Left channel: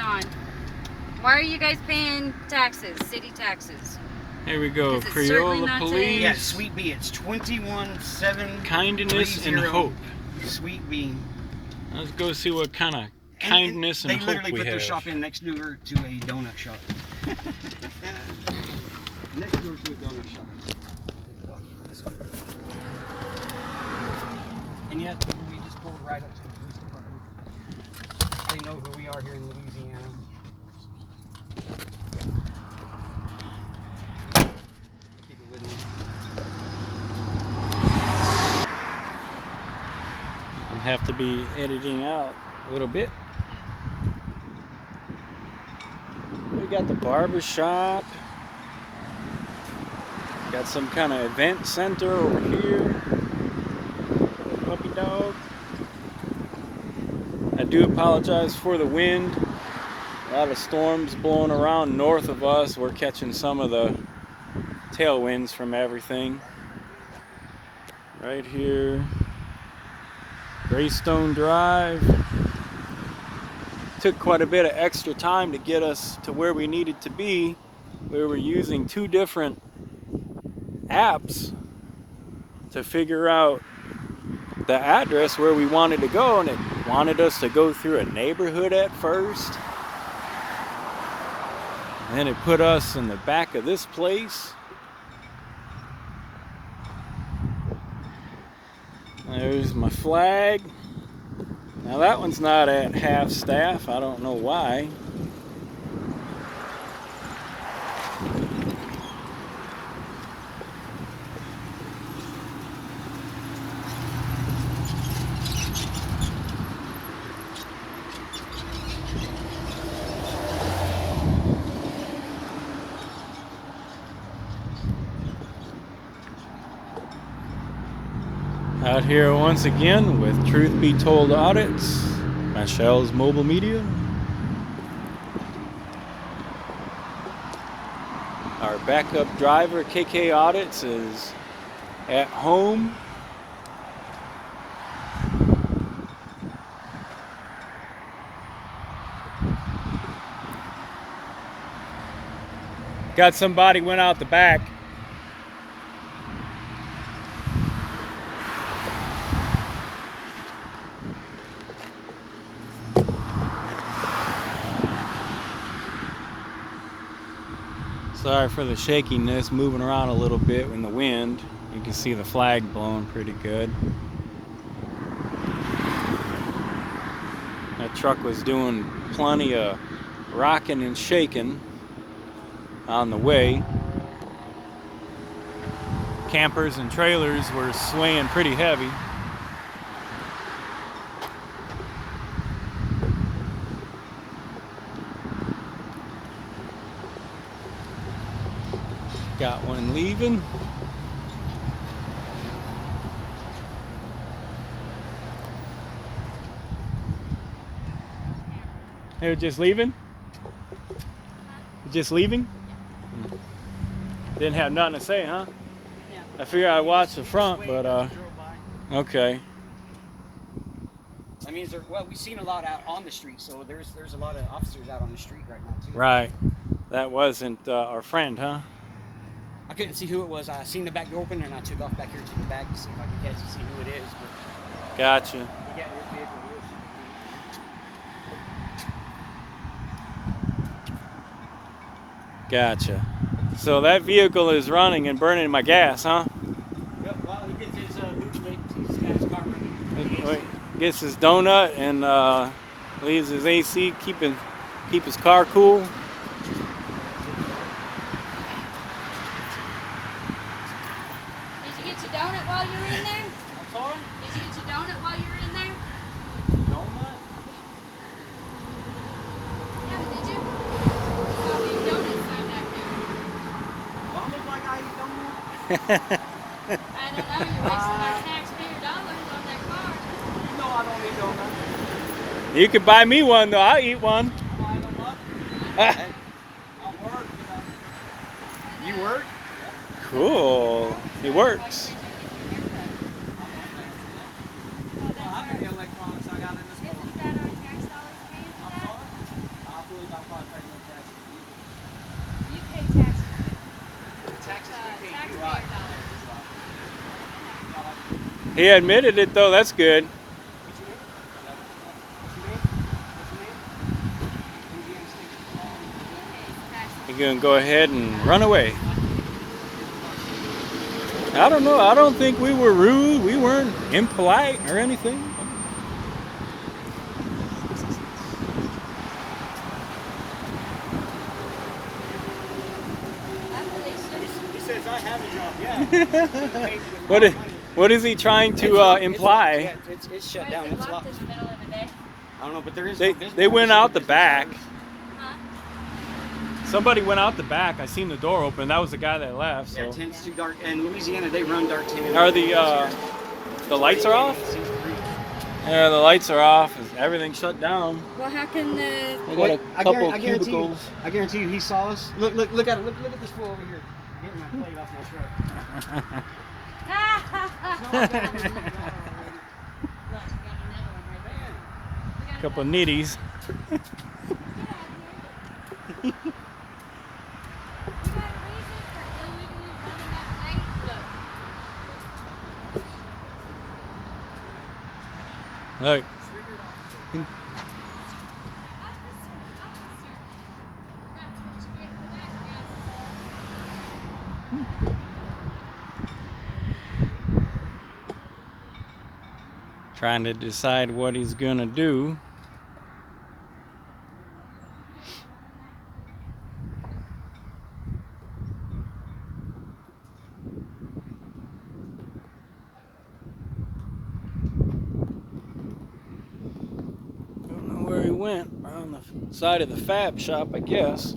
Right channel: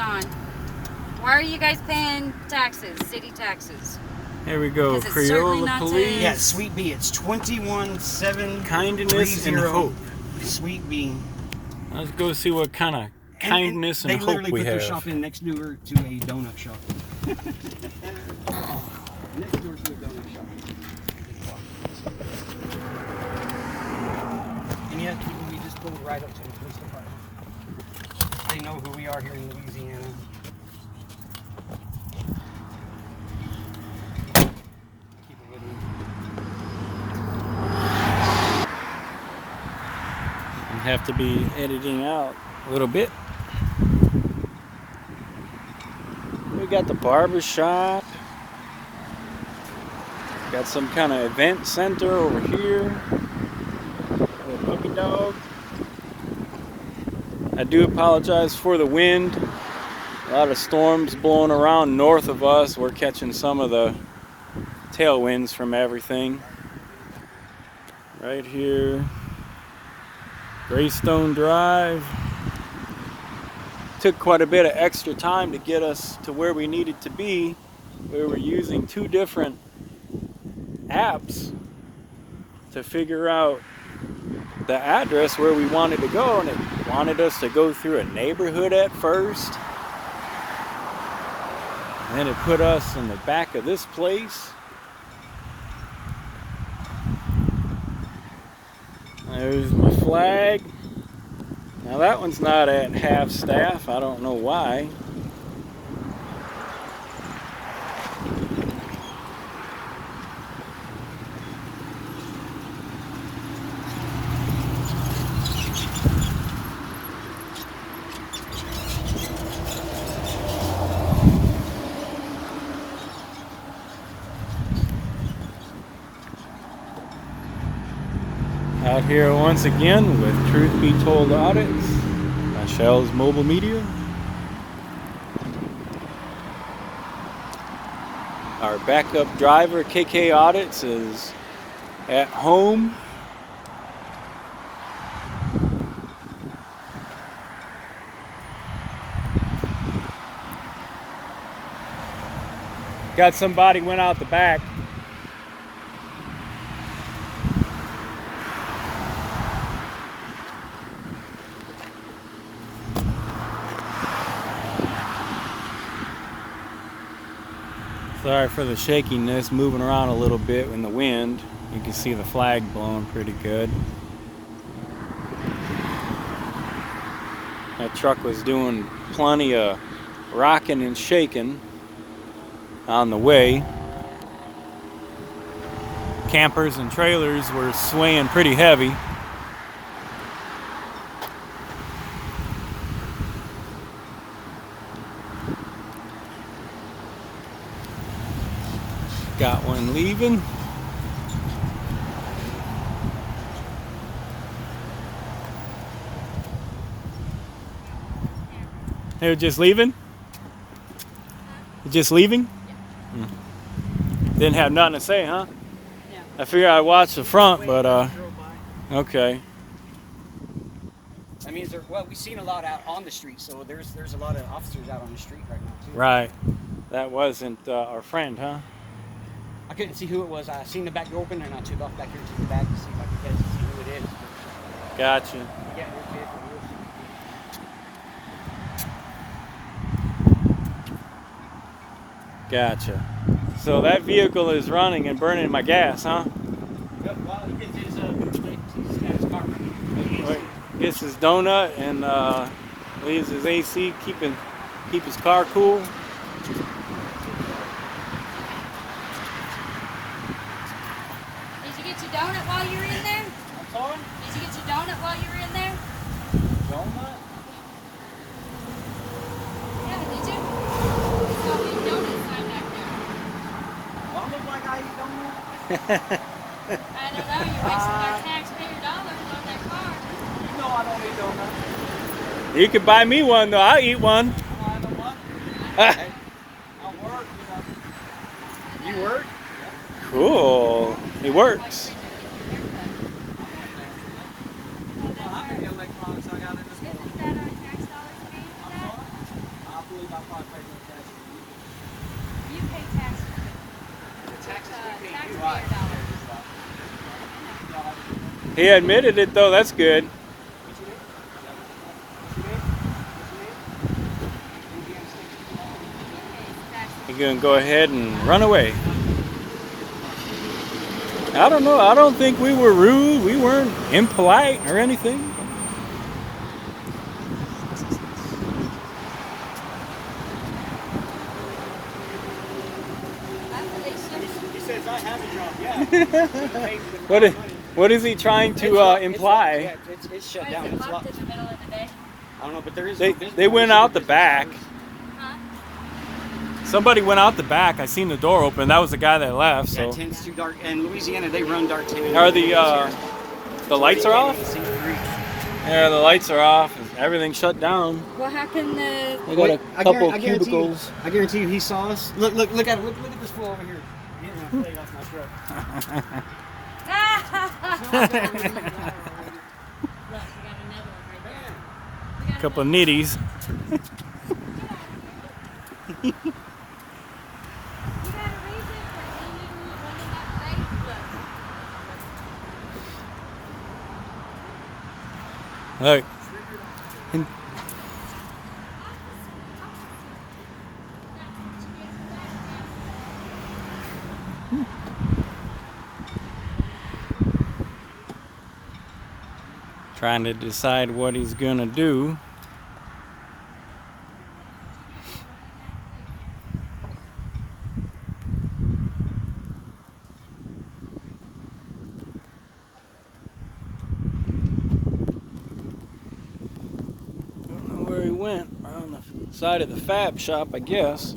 on. Why are you guys paying taxes, city taxes? Here we go. Crayola Police. Yeah, Sweet Bee. It's 217. Kindness and hope. Sweet Bee. Let's go see what kind of kindness and hope we have. They literally put their shop in next door to a donut shop. Next door to a donut shop. And yet, we just pulled right up to the police department. They know who we are here in Louisiana. Keep it with me. I'll have to be editing out a little bit. We got the barber shop. Got some kind of event center over here. The puppy dog. I do apologize for the wind. A lot of storms blowing around north of us. We're catching some of the tailwinds from everything. Right here. Greystone Drive. Took quite a bit of extra time to get us to where we needed to be. We were using two different apps to figure out the address where we wanted to go, and it wanted us to go through a neighborhood at first, and then it put us in the back of this place. There's my flag. Now that one's not at half staff. I don't know why. Out here once again with Truth Be Told Audits, Michelle's Mobile Media. Our backup driver, KK Audits, is at home. Got somebody went out the back. Sorry for the shakiness, moving around a little bit in the wind. You can see the flag blowing pretty good. That truck was doing plenty of rocking and shaking on the way. Campers and trailers were swaying pretty heavy. Got one leaving. They're just leaving? Just leaving? Yeah. Didn't have nothing to say, huh? Yeah. I figured I'd watch the front, but okay. I mean, well, we've seen a lot out on the street, so there's a lot of officers out on the street right now too. Right. That wasn't our friend, huh? I couldn't see who it was. I seen the back door open, and I took off back here to the back to see if I could get to see who it is. Gotcha. Gotcha. So that vehicle is running and burning my gas, huh? Yep, well, he gets his car. Gets his donut and leaves his AC, keep his car cool. I don't know, you're wasting my taxpayer dollars on that car. You know I don't eat donuts. You could buy me one though, I'll eat one. I don't know what. I work, you work? Cool. It works. Typically about 5 more taxes. You pay taxes. Taxes we pay, Taxpayer you're right. dollars. Y'all have a good one. He admitted it though. That's good. What's your name? What's your name? What's your name? He's gonna go ahead and run away. I don't know. I don't think we were rude. We weren't impolite or anything. He says I have a job. Yeah. What is he trying to imply? It's shut What down. is it It's locked locked. this middle of the day? I don't know, but there is. They went out the back. Huh? Somebody went out the back. I seen the door open. That was the guy that left. Yeah, So 10's too dark. In Louisiana, they run dark 10. are the lights are off? Yeah, the lights are off. Everything's shut down. Well, how can They got a couple cubicles. I guarantee you, he saw us. Look at him. Look at this fool over here. Getting my plate off my throat. Look, we got another one right there. We got Couple another- nitties. You got a reason for illegally running that plate? Look. Trying to decide what he's gonna do. Don't know where he went. On the side of the fab shop, I guess.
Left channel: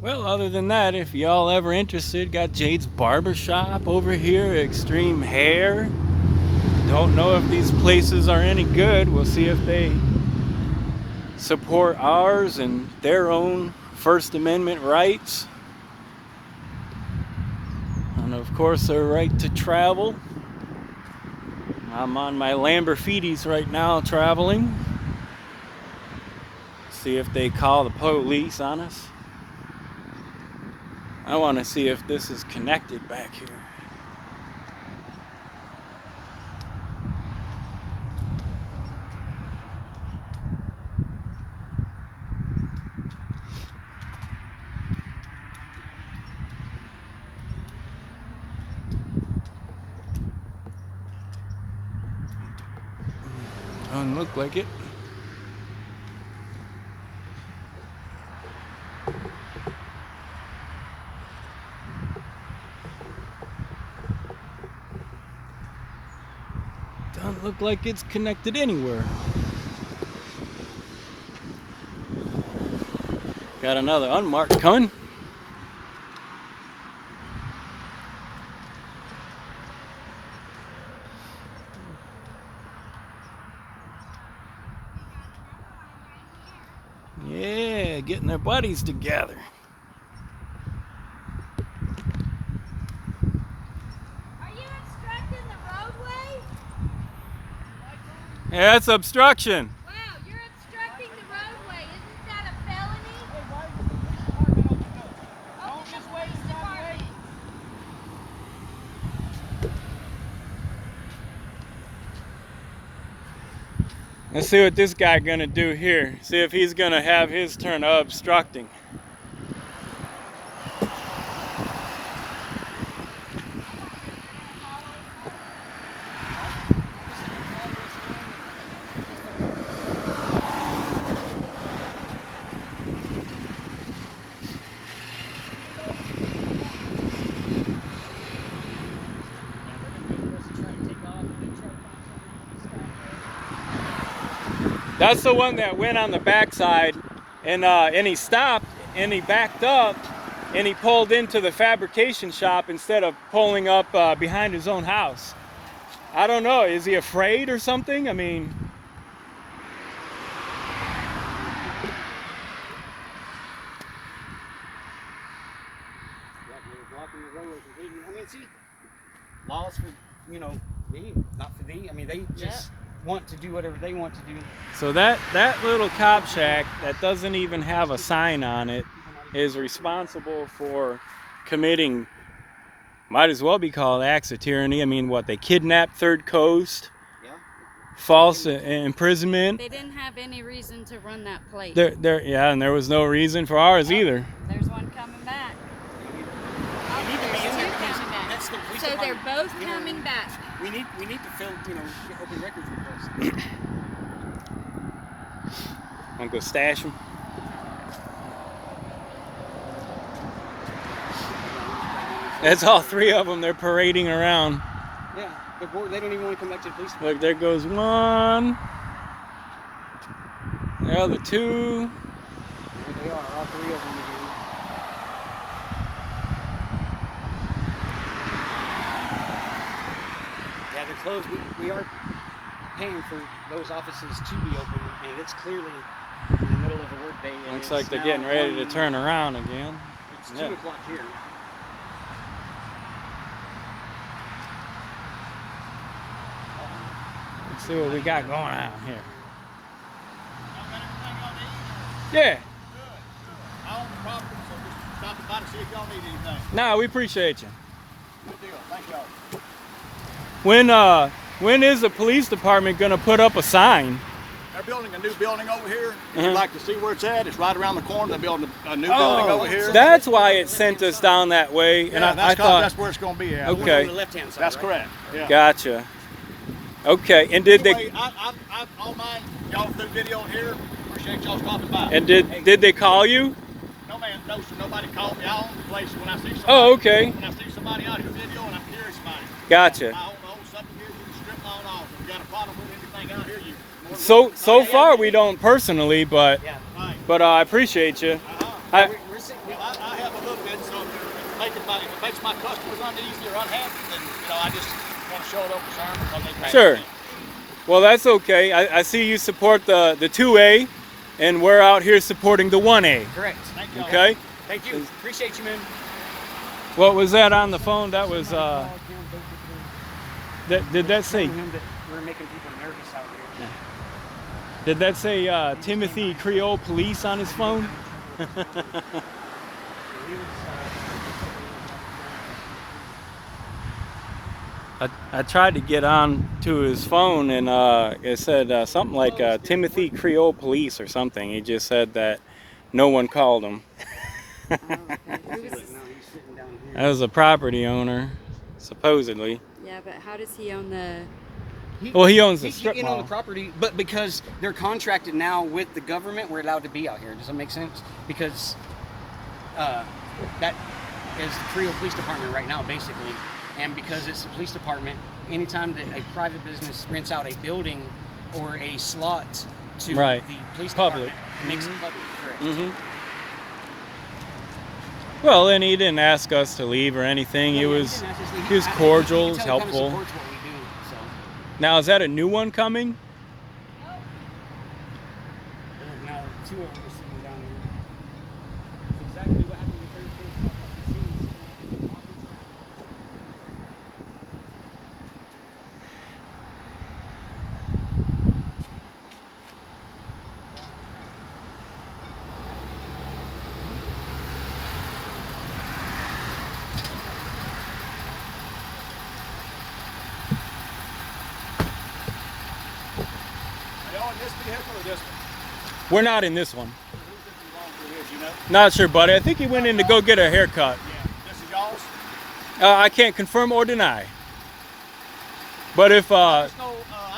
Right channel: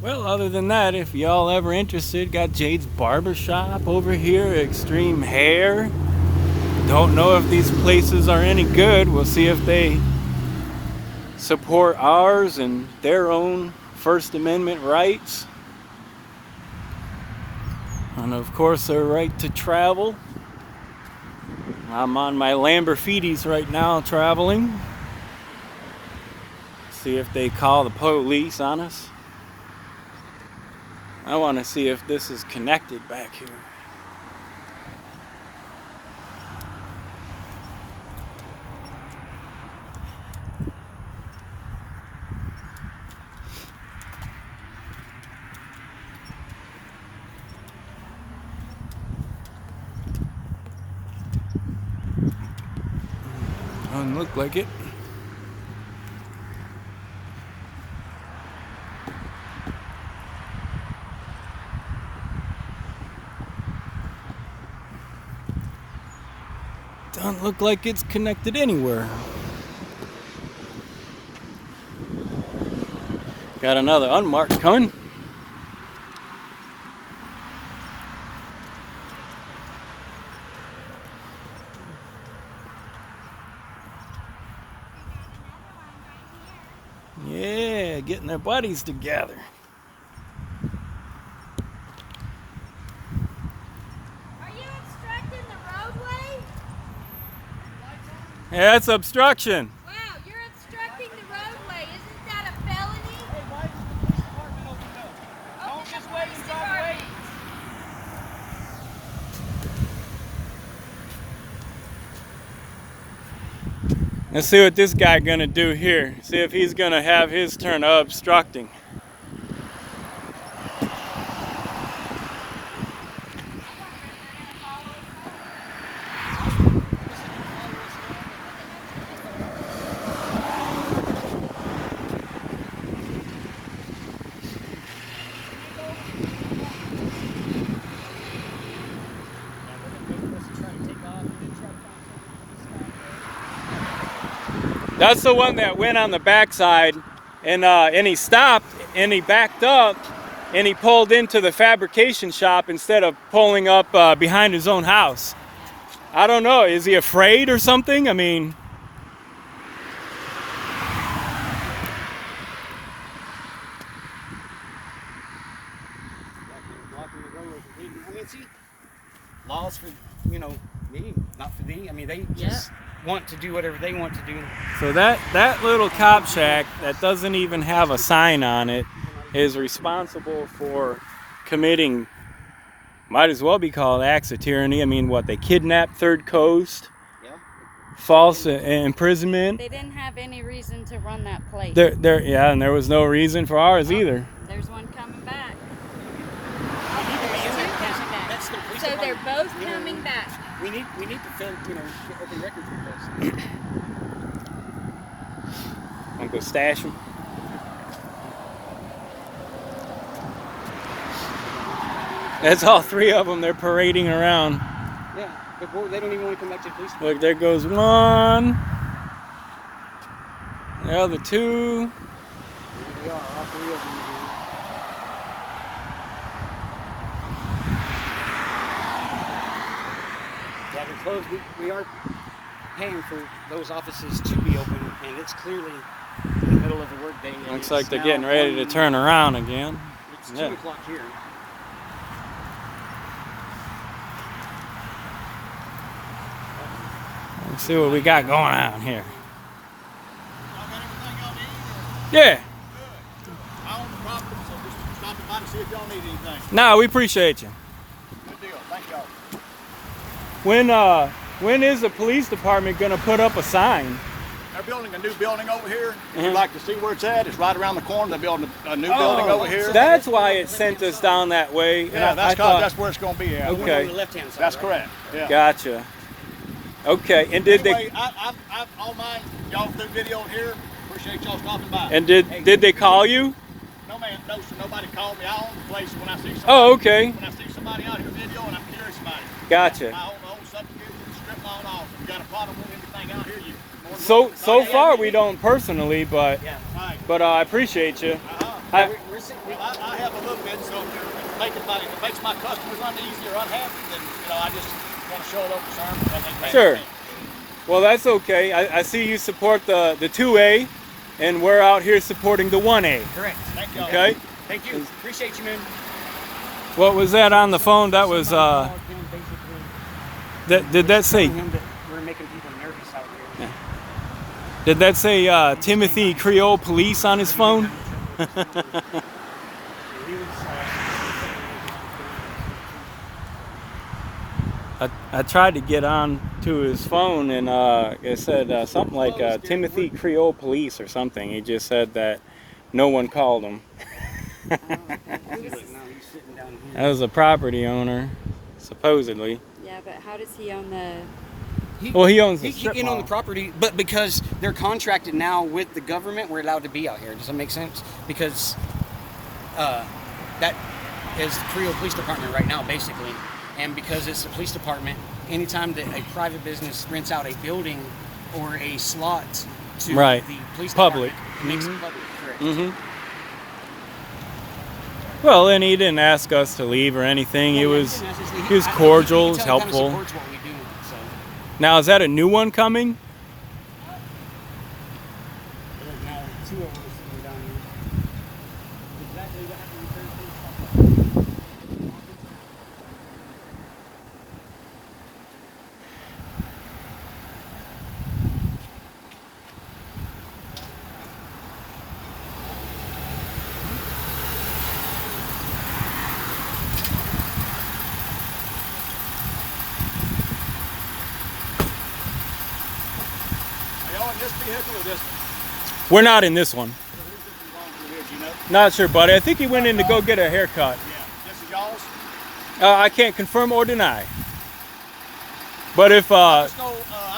Well, other than that, if y'all ever interested, got Jade's Barber Shop over here, Extreme Hair. Don't know if these places are any good. We'll see if they support ours and their own First Amendment rights. And of course, their right to travel. I'm on my Lamborghinis right now traveling. See if they call the police on us. I want to see if this is connected back here. Doesn't look like it. Doesn't look like it's connected anywhere. Got another unmarked coming. Yeah, getting their buddies together. Are you obstructing the roadway? Yeah, that's obstruction. Wow, you're obstructing the roadway. Isn't that a felony? Hey, why is the police department open up? Don't just wait and stop waiting. Let's see what this guy gonna do here. See if he's gonna have his turn of obstructing. That's the one that went on the backside, and he stopped and he backed up and he pulled into the fabrication shop instead of pulling up behind his own house. I don't know. Is he afraid or something? I mean, transparency, laws for, you know, me, not for thee. I mean, they just want to do whatever they want to do. So that little cop shack that doesn't even have a sign on it is responsible for committing, might as well be called acts of tyranny. I mean, what, they kidnapped Third Coast, false imprisonment. They didn't have any reason to run that place. Yeah, and there was no reason for ours either. There's one coming back. So they're both coming back. We need to fill, you know, open records with those. I'm gonna go stash them. That's all three of them. They're parading around. Yeah, but they don't even want to come back to the police. Look, there goes one. The other two. Yeah, all three of them. Yeah, they're closed. We are paying for those offices to be open, and it's clearly in the middle of a workday. Looks like they're getting ready to turn around again. It's 2 o'clock here. Let's see what we got going on here. Yeah. Good. I own the property, so just stopping by to see if y'all need anything. No, we appreciate you. Good deal. Thank y'all. When is the police department gonna put up a sign? They're building a new building over here. If you'd like to see where it's at, it's right around the corner. They're building a new building over here. That's why it sent us down that way. Yeah, I thought, that's where it's going to be at. Okay. On the left-hand side. That's right? correct. Yeah. Gotcha. Okay, and did Anyway, I all mine. Y'all do video here. Appreciate y'all stopping by. and did they call you? No man, no sir. Nobody called me. I own the place. When I see somebody, Oh, okay. When I see somebody out here video and I'm curious about it, Gotcha. I own the whole subject here. You can strip mine off. If you got a problem with anything out here, you. So far we don't personally, but Yeah. Right. I appreciate you. I have a little bit, so if it makes my customers uneasy or unhappy, then I just want to show a little concern because they pay Sure. me. Well, that's okay. I see you support the 2A, and we're out here supporting the 1A. Correct. Thank you. Okay. Thank you. Appreciate you, man. What was that on the phone? That was did that say? Him that we're making people nervous out here. Did that say Timothy Creole Police on his phone? I tried to get on to his phone and it said something like Timothy Creole Police or something. He just said that no one called him. That was a property owner, supposedly. Yeah, but how does he own the... Well, he owns the He strip can own mall. the property, but because they're contracted now with the government, we're allowed to be out here. Does that make sense? Because that is the Creole Police Department right now, basically. And because it's the police department, anytime that a private business rents out a building or a slot to Right. the police Public. department, it makes it public, correct. Mm-hmm. Well, and he didn't ask us to leave or anything. He was cordial, he was helpful. Supports what we do, so. Now, is that a new one coming? Now, 2 of them are sitting down here. Exactly what happened in the first place. Are y'all in this vehicle or this one? We're not in this one. Who's this belong to this, you know? Not sure, buddy. I think he went in to go get a haircut. Yeah. This is y'all's? I can't confirm or deny. But if I'm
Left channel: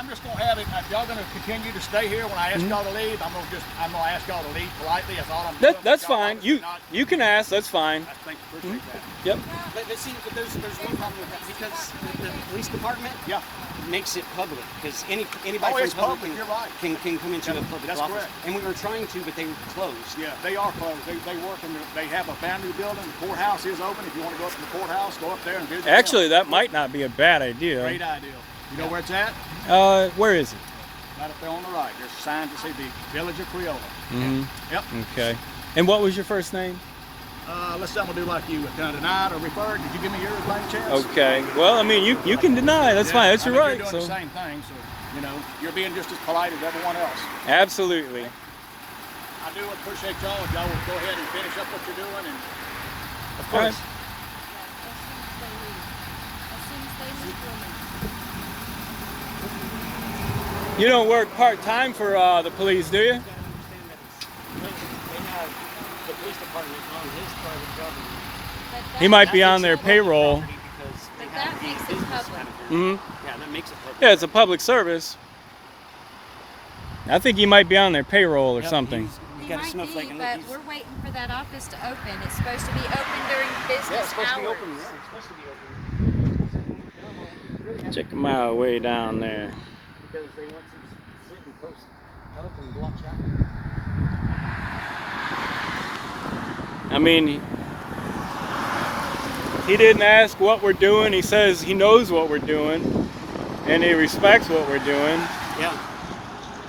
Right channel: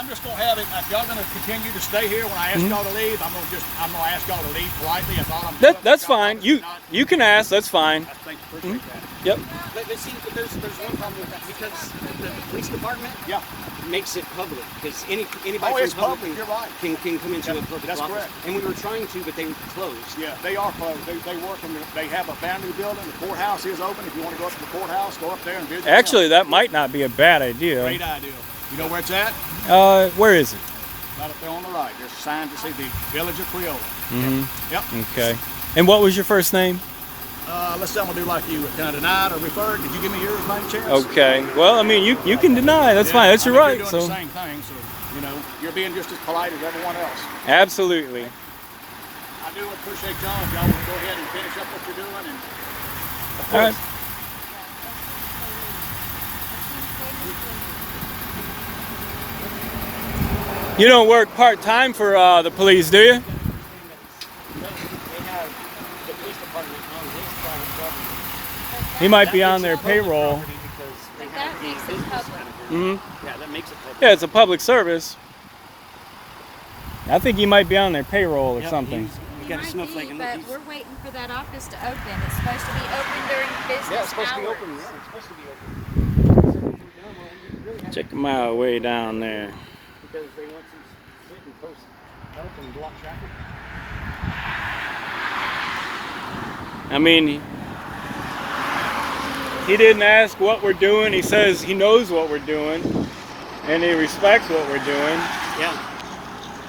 just gonna have it. If y'all gonna continue to stay here when I ask y'all to leave, I'm gonna ask y'all to leave politely. That's all I'm doing. that's Y'all fine. obviously not- You can ask. That's fine. I think appreciate that. Yep. But see, but there's one problem with that because the police department Yeah. makes it public because anybody Oh, it's from public, you're right. can come into That's- the public that's office. correct. And we were trying to, but they were closed. Yeah, they are closed. They work in they have a brand new building. The courthouse is open. If you want to go up to the courthouse, go up there and visit. Actually, them. that might not be a bad idea. Great idea. You know where it's at? Where is it? Right up there on the right. There's a sign to see the Village of Creola. Mm-hmm. Yep. Okay. And what was your first name? let's say I'm gonna do like you. Can I deny it or refer it? Did you give me yours by any chance? Okay. Well, I mean, you can deny. That's fine. That's your right. You're doing the same thing, so you know you're being just as polite as everyone else. Absolutely. I do appreciate y'all. If y'all will go ahead and finish up what you're doing, and of All right. course. You don't work part-time for the police, do you? He might be on their payroll. But that makes it public. Mm-hmm. Yeah, that makes it perfect. Yeah, it's a public service. I think he might be on their payroll or something. He's He got a might snowflake be, and but look, we're waiting for that office to open. It's supposed to be open during business yeah, it's supposed to be hours. open. Yeah, it's supposed to be open. Check them out way down there. Because they want these certain posts up and block traffic. I mean, he didn't ask what we're doing. He says he knows what we're doing, and he respects what we're doing. Yeah.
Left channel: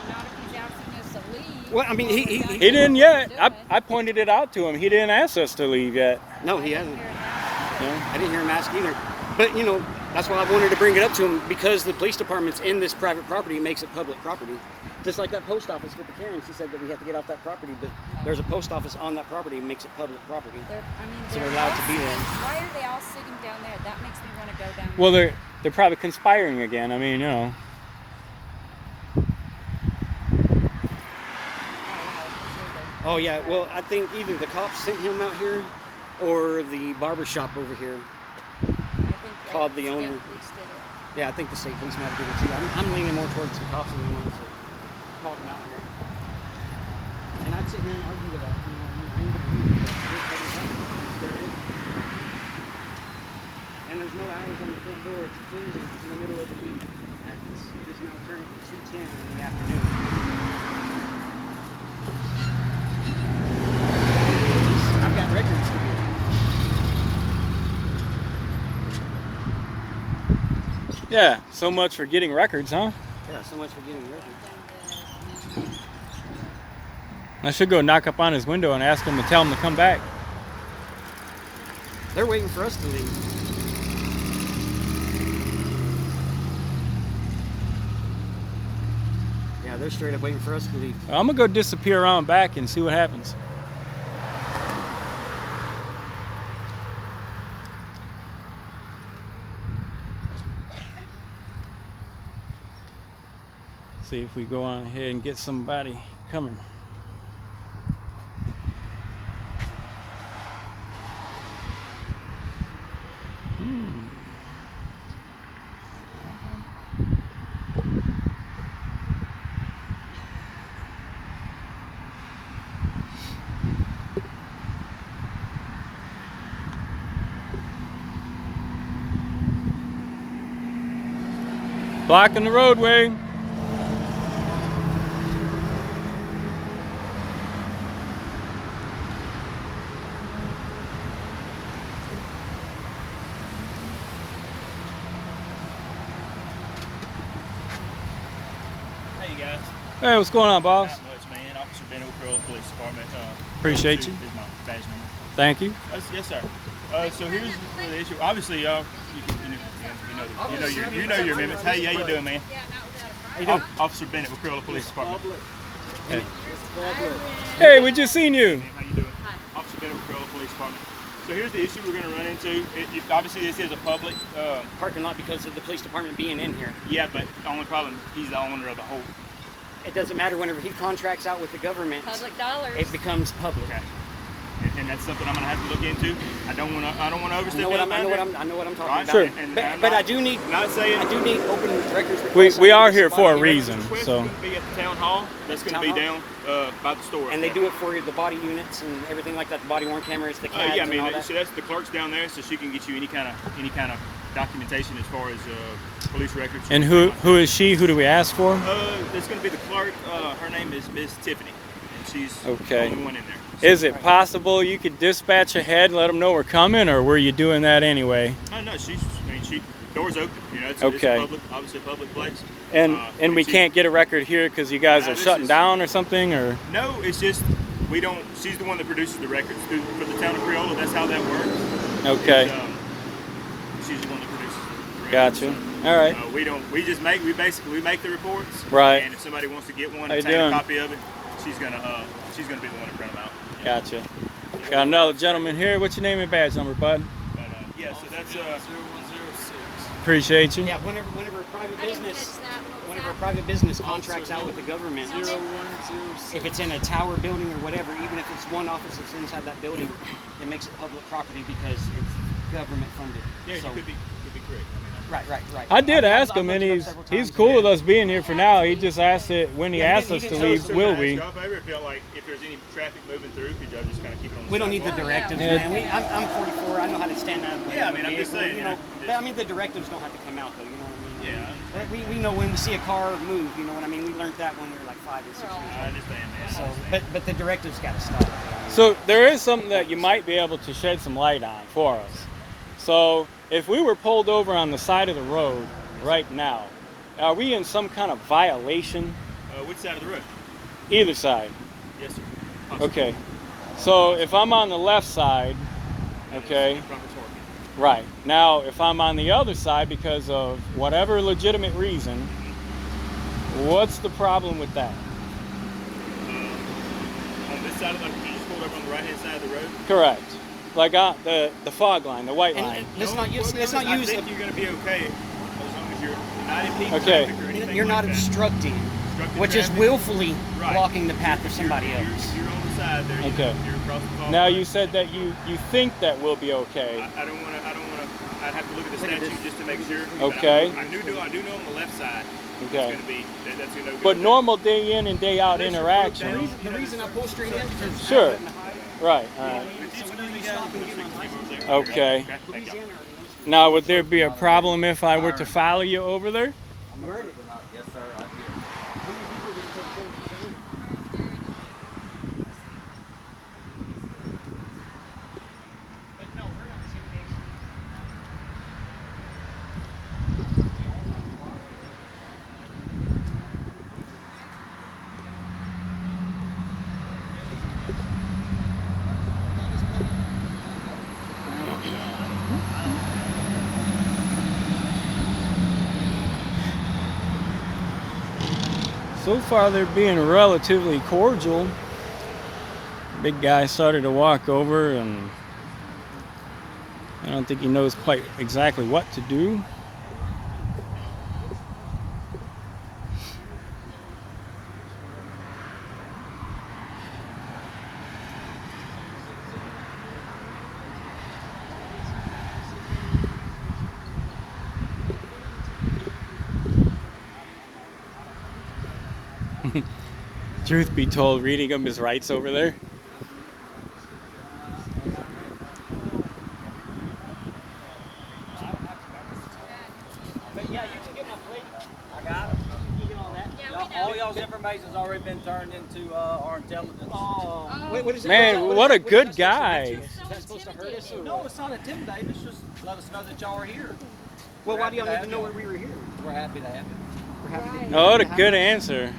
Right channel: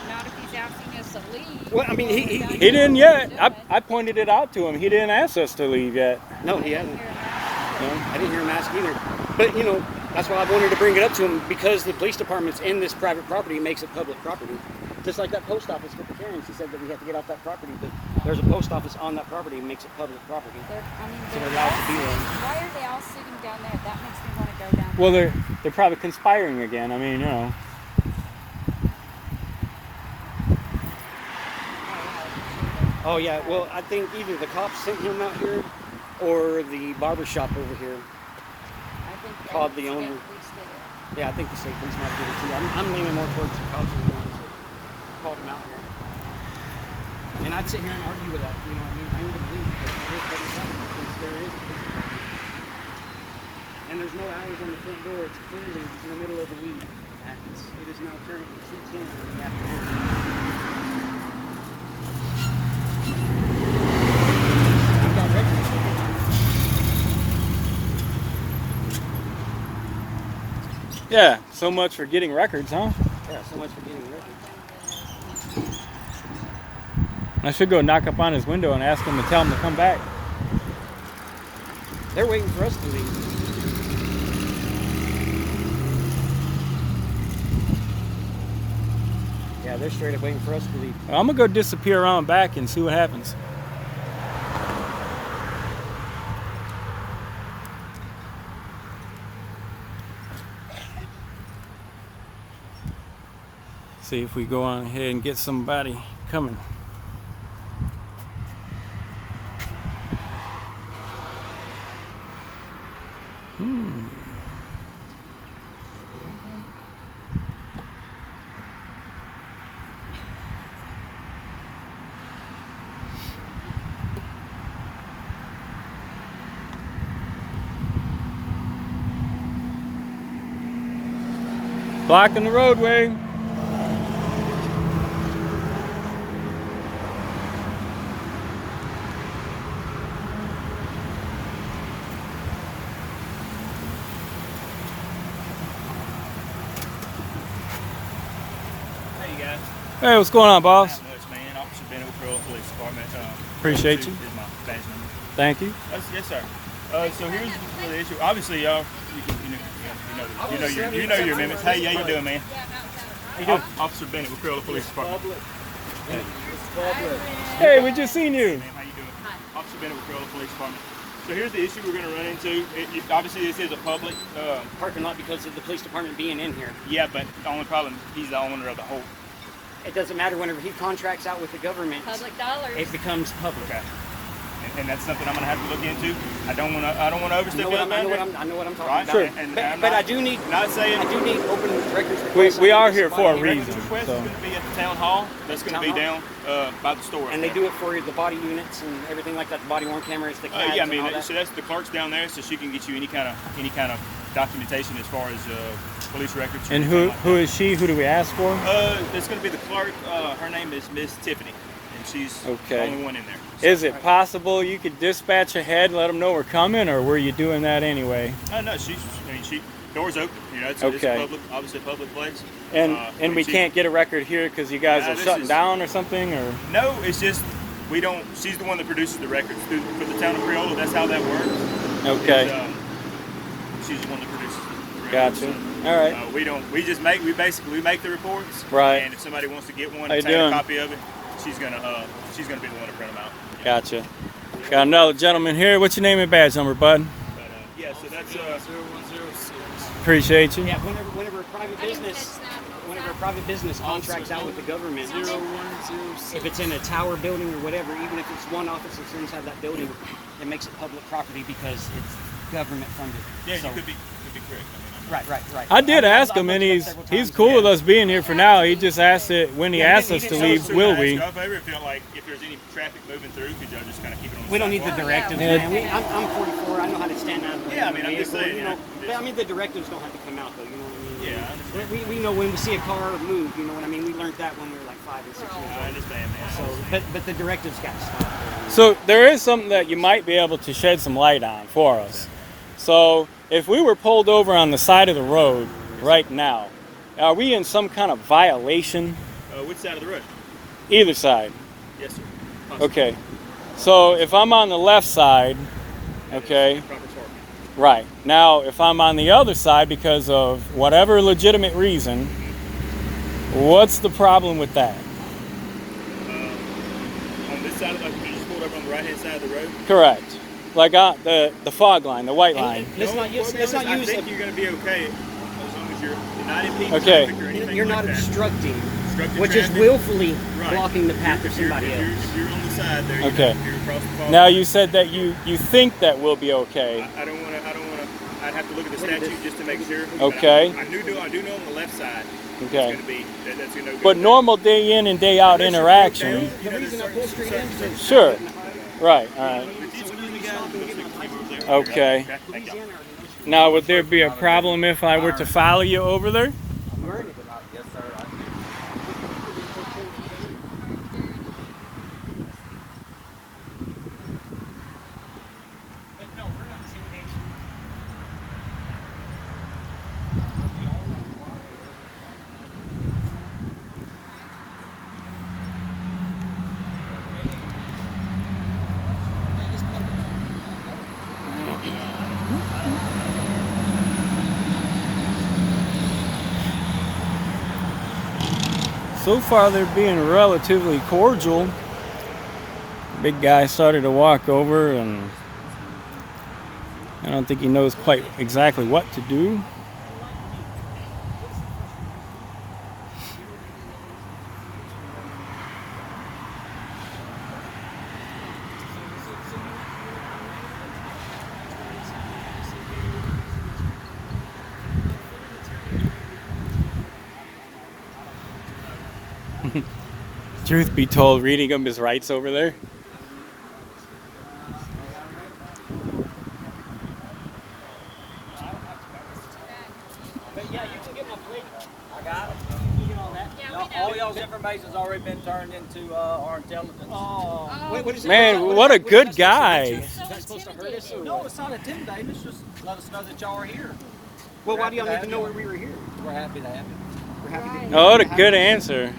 Not if he's asking us to leave. Well, I mean, He didn't yet. I pointed it out to him. He didn't ask us to leave yet. no, he hasn't. No? I didn't hear him ask either. But, you know, that's why I wanted to bring it up to him, because the police department's in this private property makes it public property. Just like that post office with the Karens, he said that we have to get off that property, but there's a post office on that property and makes it public property. So they're allowed to be there. Why are they all sitting down there? That makes me want to go down there. Well, they're probably conspiring again. I mean, you know. Oh, yeah, well, I think either the cops sent him out here or the barber shop over here. I think Called the state owner. police did it. Yeah, I think the state police might have did it too. I'm leaning more towards the cops than the ones that called him out. And I'd sit here and argue with that. You know, I mean, I ain't gonna leave, but this doesn't happen. I'm still with it. And there's no hours on the front door. It's clearly in the middle of the week. It is now currently 2:10 in the afternoon. I've got records. Yeah, so much for getting records, huh? Yeah, so much for getting records. I should go knock up on his window and ask him to tell him to come back. They're waiting for us to leave. Yeah, they're straight up waiting for us to leave. I'm gonna go disappear around back and see what happens. See if we go on ahead and get somebody coming. Blocking the roadway. Hey, you guys. Hey, what's going on, boss? Not much, man. Officer Ben O'Crow, Police Department. Appreciate you. Is my badge number. Thank you. Yes, sir. So here's the issue. Obviously, y'all, you know your amendments. Hey, how you doing, man? Officer Bennett with Corolla Police Department. Hey, we just seen you. Ma'am, how you doing? Officer Bennett with Corolla Police Department. So here's the issue we're going to run into. Obviously, this is a public. Parking lot because of the police department being in here. Yeah, but the only problem, he's the owner of the whole. It doesn't matter whenever he contracts out with the government. Public dollars. It becomes public. Okay. And that's something I'm going to have to look into. I don't want to overstep that boundary. I know what I'm talking Right? about. Sure. And But, I'm but not, I do need not saying I do need open records. We are here for a reason, request so. is going to be at the town hall. That's going to be down by the store. And they do it for the body units and everything like that. The body worn cameras, the CADs. Yeah, I mean, and all that. so that's the clerk's down there, so she can get you any kind of documentation as far as police records. And anything like who is she? Who do we ask for? that. It's going to be the clerk. Her name is Miss Tiffany, and she's Okay. the only one in there. Is it possible you could dispatch ahead and let them know we're coming, or were you doing that anyway? No, she doors open. You know, it's Okay. public, obviously a public place. And we can't get a record here because you guys Nah, are this shutting is- down or something, or? No, it's just we don't. She's the one that produces the records for the town of Creola. That's how that works. Okay. She's the one that produces the records. Gotcha. All right. We don't. We just make. We basically make the reports. Right. And if somebody wants to get one, How you and take a doing? copy of it, she's gonna be the one to print them out. Yeah. Gotcha. Got another gentleman here. What's your name and badge number, bud? Yeah. So that's 0106. Appreciate you. Yeah, whenever a private business contracts out with the government, if it's in a tower building or whatever, even if it's one office that's inside that building, it makes it public property because it's government funded. Yeah, So, you could be correct. right. I did ask I've him, and looked it up he's several times. cool with us being here for now. He just asked it when he Yeah, asked he us to didn't- leave. So Will can I we? ask y'all a favor? If y'all, like, if there's any traffic moving through, could y'all just kind of keep it on the We don't need the sidewalk? directives, Yeah. man. I'm 44. I know how to stand out. Yeah, I mean, I'm just vehicle, saying, You know, yeah. but, I mean, the directives don't have to come out, though. You know what I mean? Yeah, I understand. We know when we see a car move. You know what I mean? We learned that when we were like 5 or 6 years I old. understand, man. I So, understand. but the directives got to stop. So there is something that you might be able to shed some light on for us. So if we were pulled over on the side of the road right now, are we in some kind of violation? Which side of the road? Either side. Yes, sir. Okay. So if I'm on the left side, okay, Proper parking. right. Now if I'm on the other side because of whatever legitimate reason, what's the problem with that? On this side of the, you just pulled up on the right hand side of the road. Correct. Like the fog line, the white line. It's not used. It's not I used. think you're going to be okay as long as you're not impeding Okay. traffic or anything You're like not that. obstructing, Obstructing which is traffic. willfully Right. blocking the path of If you're- somebody if you're- else. If you're on the side there, Okay. you're across the fog Now line. you said that you think that will be okay. I don't want to. I'd have to look at the statute just to make sure. but Okay. I do know on the left side. Okay. It's going to be that's going to be. But normal day in and day out interaction. The reason I pull straight in because Sure. Right. All right. Okay. Thank you. Now, would there be a problem if I were to follow you over there? So far, they're being relatively cordial. The big guy started to walk over, and I don't think he knows quite exactly what to do. Truth be told, reading him his rights over there. Yeah, you can get my plate. I got it. You get all that. Yeah, Y'all, we know. all y'all's information's already been turned into our intelligence. Oh, what is it? Man, what a good guy. Is that supposed to hurt us? Or No, it's not intimidating. It's just let us know that y'all are here. well, why do y'all need to Happy know to where have we were here? We're happy to have you. We're happy to- Right. Oh, what a good answer.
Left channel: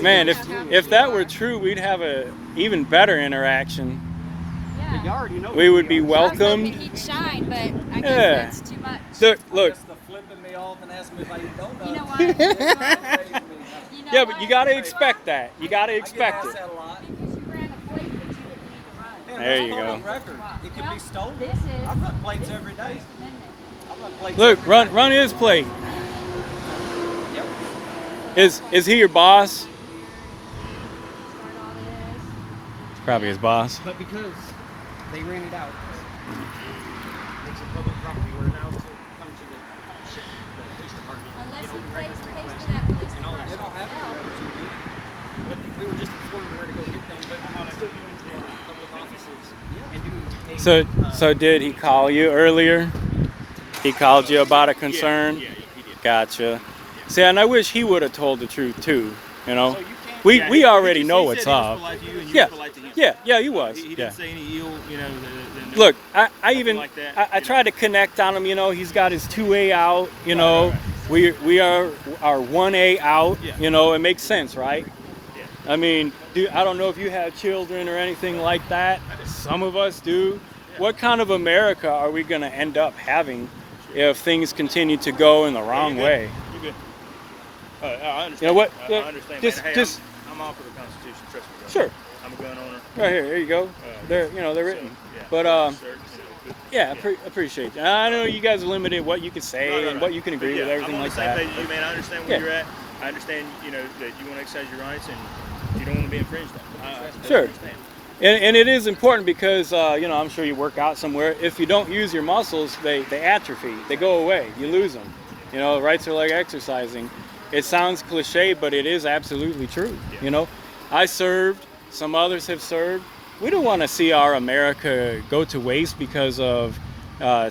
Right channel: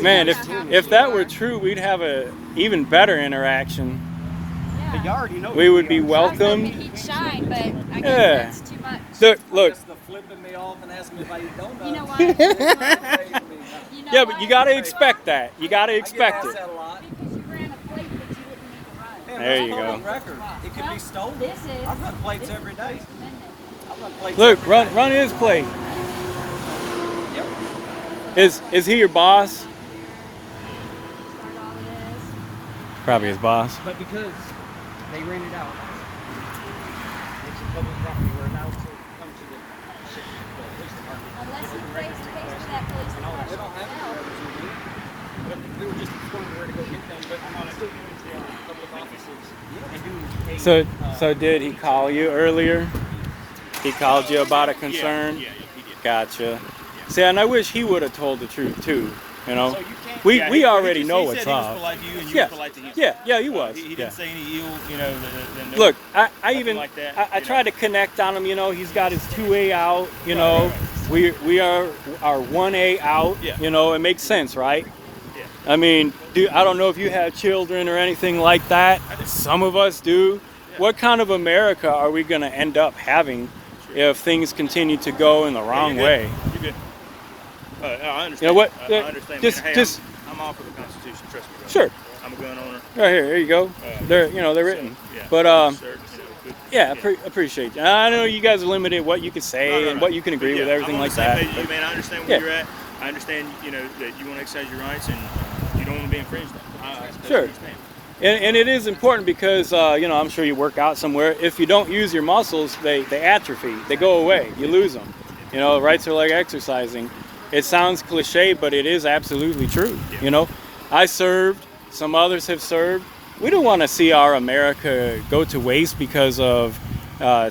Man, if that were true, we'd have a even better interaction. But you Yeah. already know We would be I was welcomed. hoping he'd shine, but I guess Yeah. that's too much. Look, Just the flipping me off and asking me about your donuts. You know what? You know yeah, but you what? gotta expect that. You gotta I get expect asked it. that a lot. Because you ran a plate, but you didn't make a run. There you That's go. on record. It could be stolen. This is. I run plates every day. I run plates Look, every run day. his plate. Yep. Is he your boss? Probably his boss. But because they ran it out, it's a public property. We're allowed to come to the police department. Unless he pays for that police department. They don't have to. But we were just informed where to go get them. But how to still go to public offices and do a So did he call you earlier? He called you about a concern? Yeah, he did. Gotcha. See, and I wish he would have told the truth too, you know? So you can't- We Yeah, we he already just- know he what's said he was up. polite to you and you Yeah. were polite to him. Yeah, he was. He Yeah. didn't say any ill, no, Look, I nothing even like that, I you tried know. to connect on him, you know, he's got his 2A out, you know. right. We are our 1A out, Yeah. you know, it makes sense, right? I mean, I don't know if you have children or anything like that. Some of us do. What kind of America are we going to end up having if things continue to go in the wrong way? You good? I understand. You know what? I understand. Just, man. Hey, just I'm all for the Constitution. Trust me. Bro. sure. I'm a gun owner. Right here you go. They're written. So, yeah. But Sir, yeah, appreciate that. I know you guys are limited what you can say and what you can agree with, everything like that. I'm on the same page as you, man. I understand where you're at. I understand, that you want to exercise your rights and you don't want to be infringed on. I Sure. understand. And it is important because, I'm sure you work out somewhere. If you don't use your muscles, they atrophy. They go away. You lose them. Rights are like exercising. It sounds cliche, but it is absolutely true. Yeah. I served. Some others have served. We don't want to see our America go to waste because of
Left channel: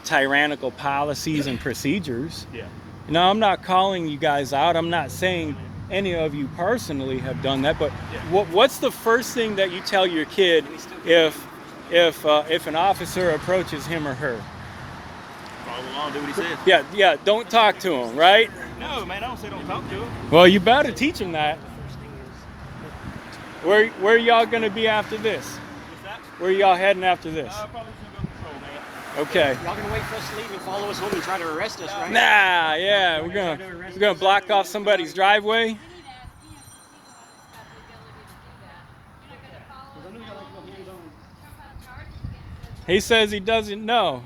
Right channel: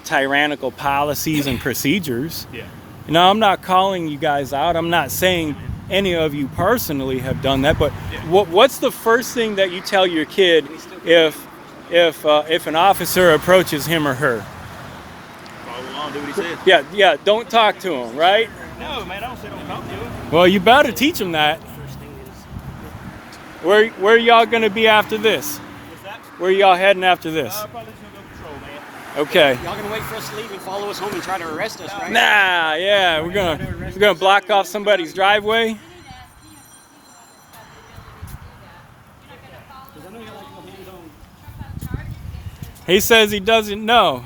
tyrannical policies and procedures. Yeah. I'm not calling you guys out. I'm not saying any of you personally have done that, but what's the first thing that you tell your kid if an officer approaches him or her? Follow along, do what he says. Yeah, don't talk to him, right? No, man, I don't say don't talk to him. Well, you better teach him that. Where are y'all gonna be after this? What's that? Where are y'all heading after this? Probably just gonna go patrol, man. Okay. Y'all gonna wait for us to leave and follow us home and try to arrest us, right? Nah, yeah, we're gonna block off somebody's driveway. He says he doesn't know.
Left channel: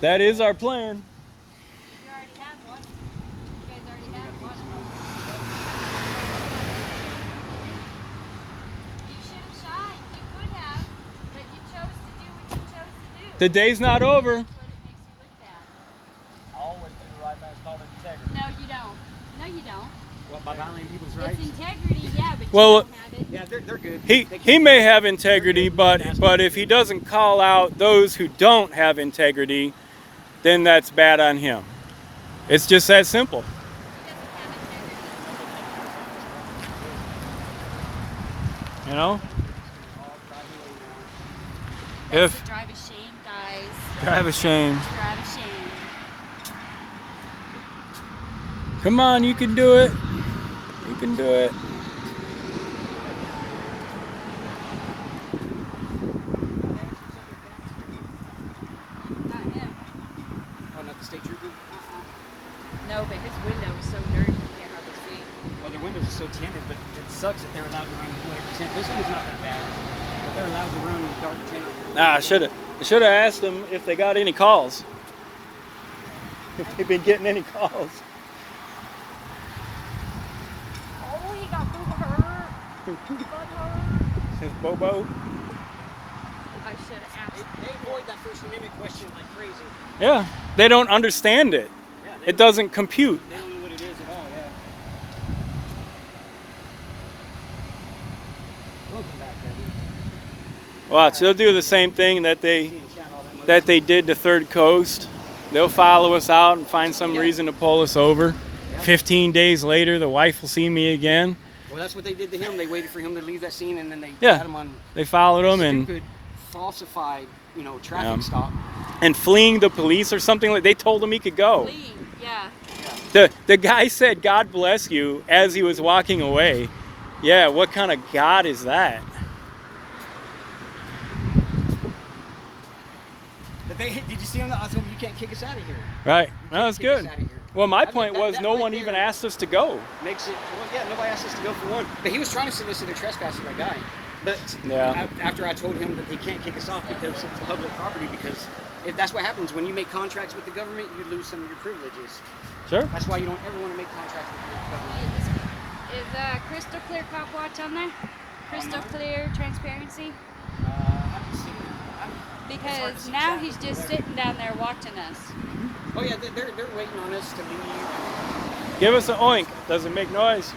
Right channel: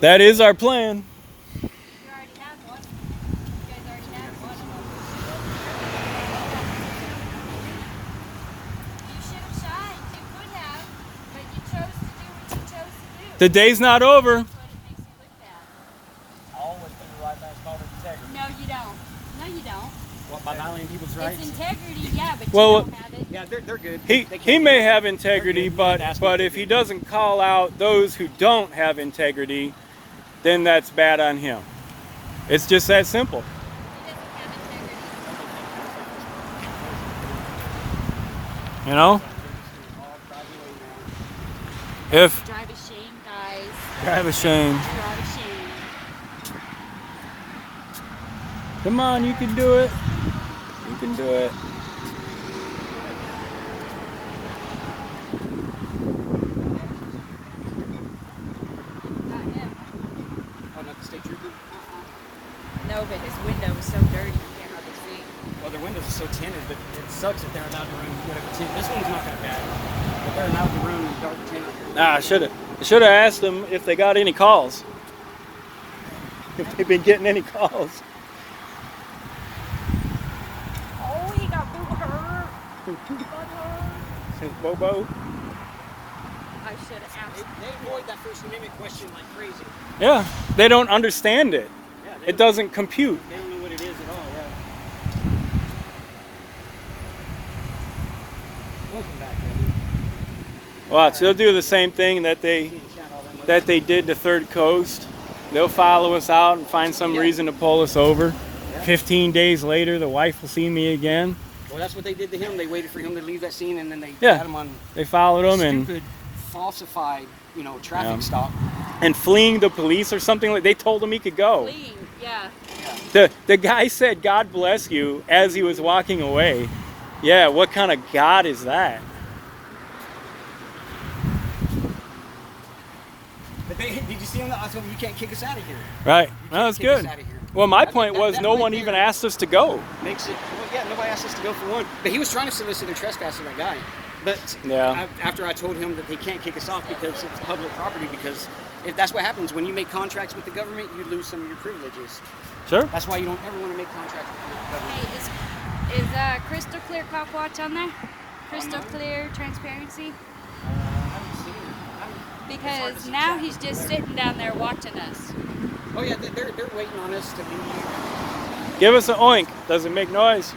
That is our plan. The day's not over. I always do the right thing. It's called integrity. No, you don't. No, you don't. What, by violating people's It's rights? integrity, yeah, but Well, you don't have it. Yeah, they're good. He may have integrity, but if he doesn't call out those who don't have integrity, then that's bad on him. It's just that simple. If Drive a shame, guys. drive a shame. Drive a shame. Come on, you can do it. You can do it. Oh, not the state trooper? No, but his window's so dirty, you can't hardly see. Oh, their windows are so tinted, but it sucks that they're allowed to run whatever tint. This one's not that bad, but they're allowed to run dark tinted. I should have asked them if they got any calls. If they've been getting any calls. Oh, he got hurt. Since Bobo. I should have asked. They avoid that First Amendment question like crazy. Yeah, they don't understand it. Yeah, It doesn't compute. They don't know what it is at all, yeah. Welcome back, baby. Watch, they'll do the same thing that they did to Third Coast. They'll follow us out and find some reason to pull us over. 15 days later, the wife will see me again. Well, that's what they did to him. They waited for him to leave that scene, and then they Yeah. had him on They followed him and stupid, falsified, traffic stop. fleeing the police or something like. They told him he could go. Lean, yeah. The guy said, "God bless you," as he was walking away. Yeah, what kind of God is that? But did you see on the? I told him you can't kick us out of here. Right. Well, that's Kick us good. outta here. Well, my I think point was that no right one there even asked us to go. Makes it. Well, yeah, nobody asked us to go for one. But he was trying to solicit a trespassing a guy. But Yeah. after I told him that they can't kick us off because it's public property, because if that's what happens when you make contracts with the government, you lose some of your privileges. Sure. That's why you don't ever want to make contracts with the government. Hey, is Crystal Clear Cop Watch on there? Crystal Clear Transparency? Because now he's just sitting down there watching us. Oh yeah, they're waiting on us to leave. Give us an oink. Does it make noise?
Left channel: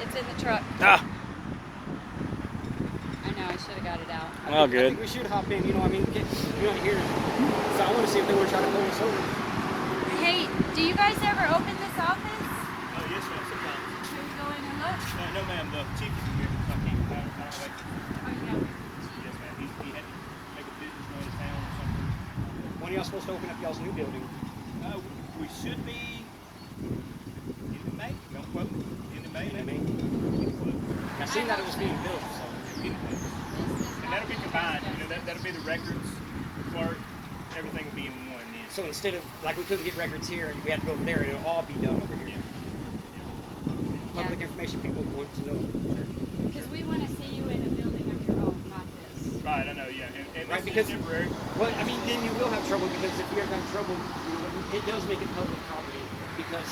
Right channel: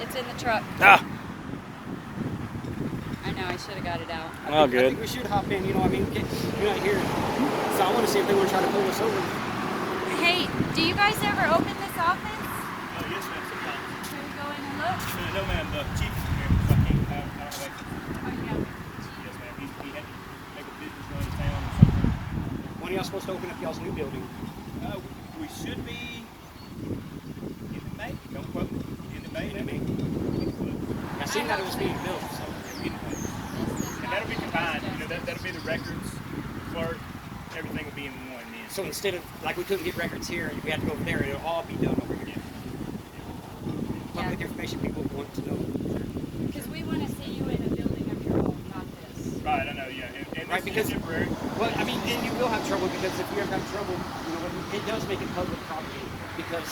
It's in the truck. Ah. I know, I should have got it out. Well, I good. think we should hop in. You know what I mean? We're not here. So I want to see if they want to try to pull us over. Hey, do you guys ever open this office? Oh, yes, ma'am. Sometimes. Can we go in and look? No, ma'am. The chief is here. Okay. Yes, ma'am. He had to make a business go to town or something. When are y'all supposed to open up y'all's new building? we should be in May. Don't quote me. In May, maybe. I seen that it was being built. And that'll be combined. You know, that'll be the records, the clerk, everything will be in one then. So instead of, like, we couldn't get records here and we had to go over there, it'll all be done over here. Public information people want to know. Because we want to see you in a building of your own, not this. Right, I know, yeah. And Right, this because- is temporary. Well, I mean, then you will have trouble because if you ever have trouble, you know, it does make it public property because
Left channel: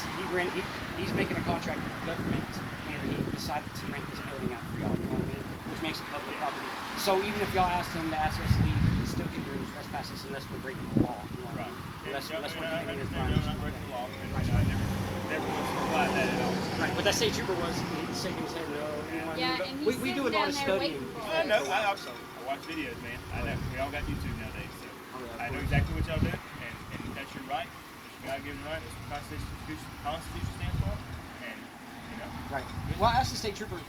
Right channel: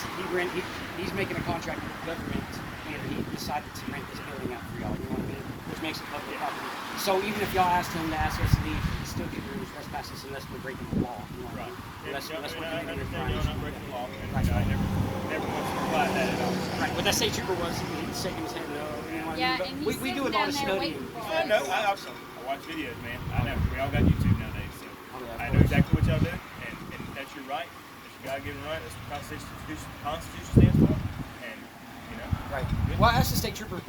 he's making a contract with the government and he decided to rent this building out for y'all. You know what I mean? Which makes it public property. So even if y'all asked him to ask us to leave, he's still considering trespasses unless we're breaking the law. You know what I mean? Unless we're committing his crimes. I never once applied that at all. Right, but that state trooper was saying he was here. Yeah, and he's we do sitting a lot down of there studying. waiting for I us. know. I watch videos, man. I know. We all got YouTube nowadays, so I know exactly what y'all do, and that's your right. That's your God-given right. That's what the Constitution stands for. And you know, Right. Well, I asked the state trooper,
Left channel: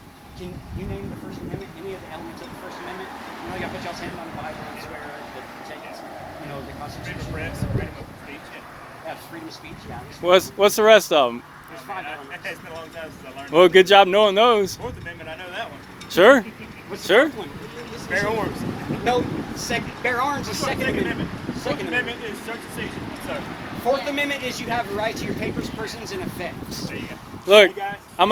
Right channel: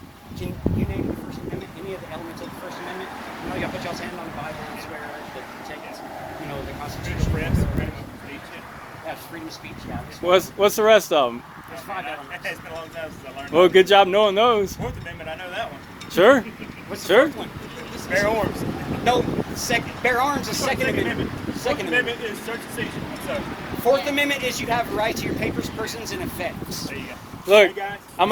can you name the First Amendment, any of the elements of the First Amendment? You know, you put y'all's hand on the Bible and swear the text, you know, the Constitution. That's freedom of speech, guys. What's the rest of them? Oh, man, it's been a long time since I learned. Well, good job knowing those. Fourth Amendment, I know that one. Sure. What's the Sure. fourth one? Bear arms. No, bear arms is Second Amendment. Fourth Second Amendment is search and seizure. So, Fourth Amendment is you have the right to your papers, persons, and effects. there you go. Look, Hey, guys. I'm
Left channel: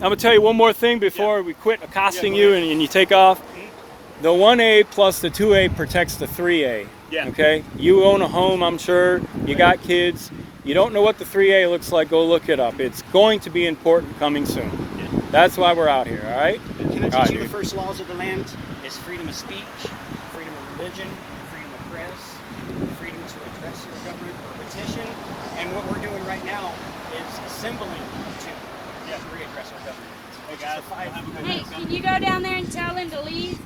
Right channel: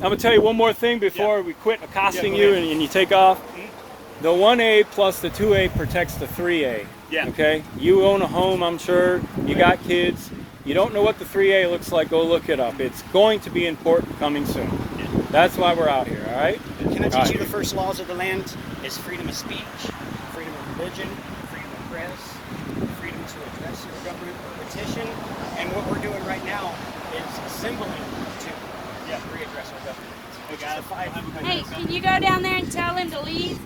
gonna tell you one more thing before we quit accosting Yeah, go you ahead. and you take off. The 1A plus the 2A protects the 3A. Yeah. Okay. You own a home, I'm sure. You got kids. You don't know what the 3A looks like. Go look it up. It's going to be important coming soon. Yeah. That's why we're out here. All right. Can I All teach right. you the first laws of the land? Is freedom of speech, freedom of religion, freedom of press, freedom to address your government or petition. And what we're doing right now is assembling to readdress our government. Which is the five. Hey, can you go down there and tell him to leave?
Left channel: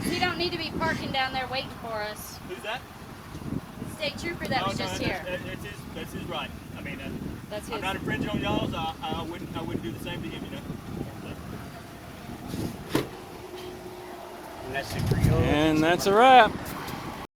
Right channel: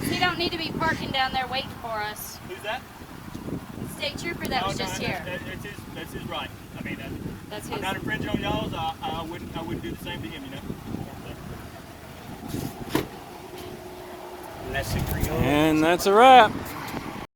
'Cause he don't need to be parking down there waiting for us. Who's that? State trooper that was just here. That's his right. I mean, That's I'm his. not infringing on y'all's. I wouldn't do the same to him, you know. And that's the Creole. And that's a wrap.